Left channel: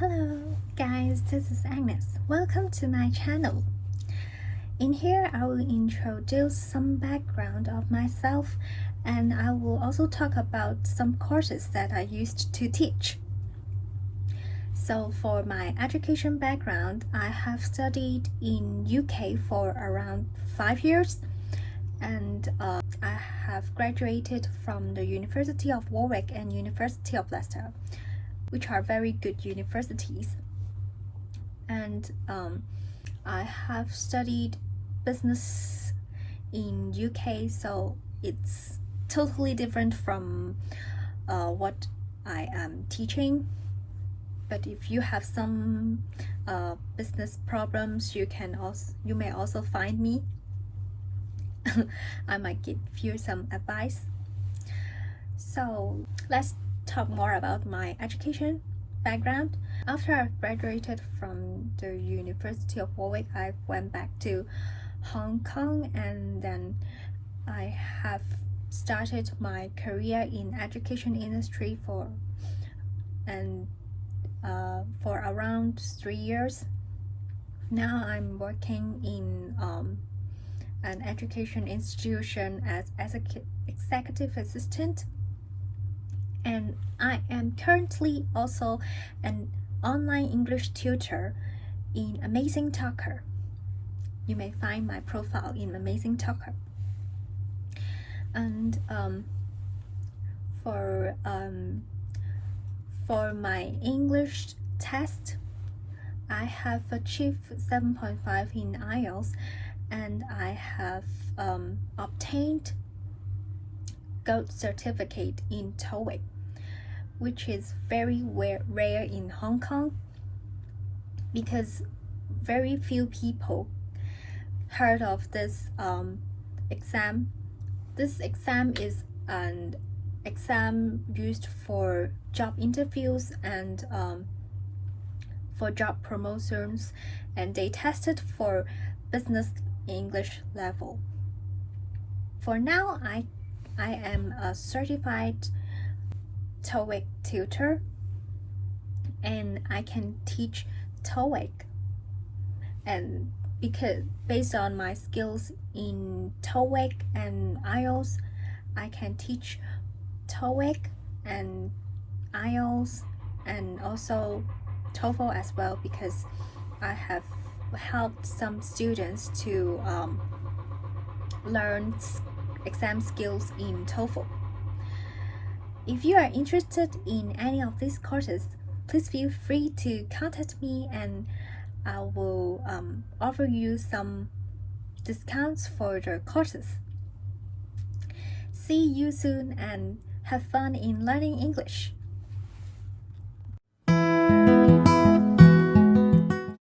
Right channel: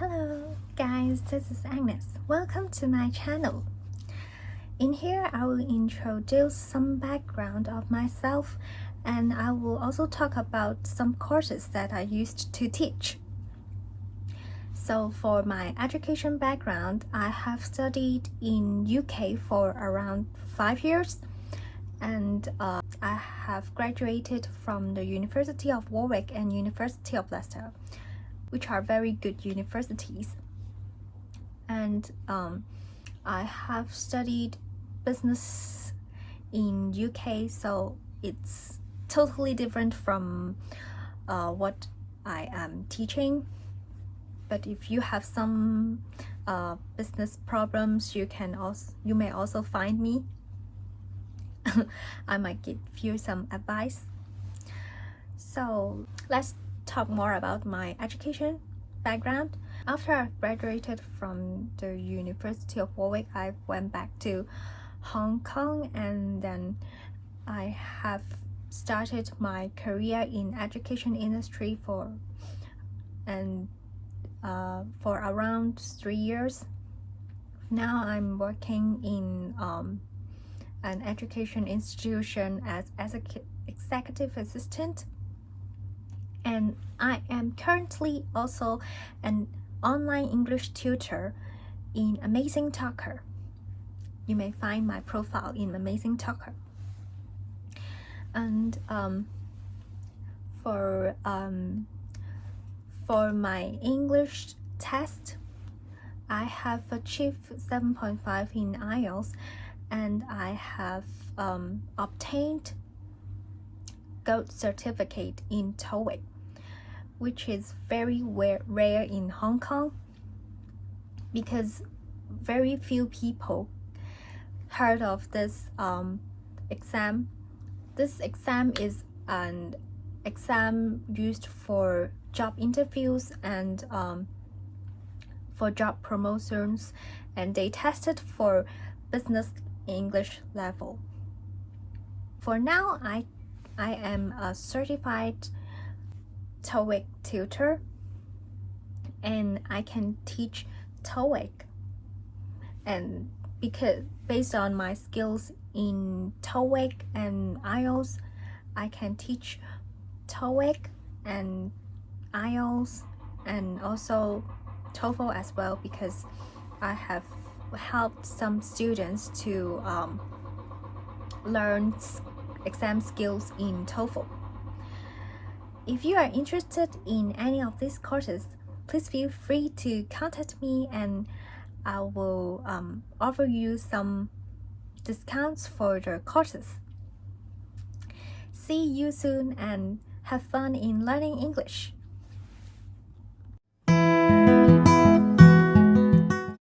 Hello guys, this is Agnes. Welcome to my channel. In here, I will introduce some background of myself, and I will also talk about some courses that I used to teach. So for my education background, I have studied in UK for around 5 years, and I have graduated from the University of Warwick and University of Leicester, which are very good universities. And I have studied business in UK, so it's totally different from what I am teaching. But if you have some business problems, you may also find me. I might give you some advice. So let's talk more about my education background. After I graduated from the University of Warwick, I went back to Hong Kong, and then I have started my career in education industry for around 3 years. Now I'm working in an education institution as executive assistant, and I am currently also an online English tutor in Amazing Talker. You may find my profile in Amazing Talker. And for my English test, I have achieved 7.5 in IELTS, and I have obtained gold certificate in TOEIC, which is very rare in Hong Kong, because very few people heard of this exam. This exam is an exam used for job interviews and for job promotions, and they tested for business English level. For now, I am a certified TOEIC tutor, and I can teach TOEIC, and because based on my skills in TOEIC and IELTS, I can teach TOEIC and IELTS and also TOEFL as well, because I have helped some students to learn exam skills in TOEFL. If you are interested in any of these courses, please feel free to contact me, and I will offer you some discounts for the courses. See you soon, and have fun in learning English.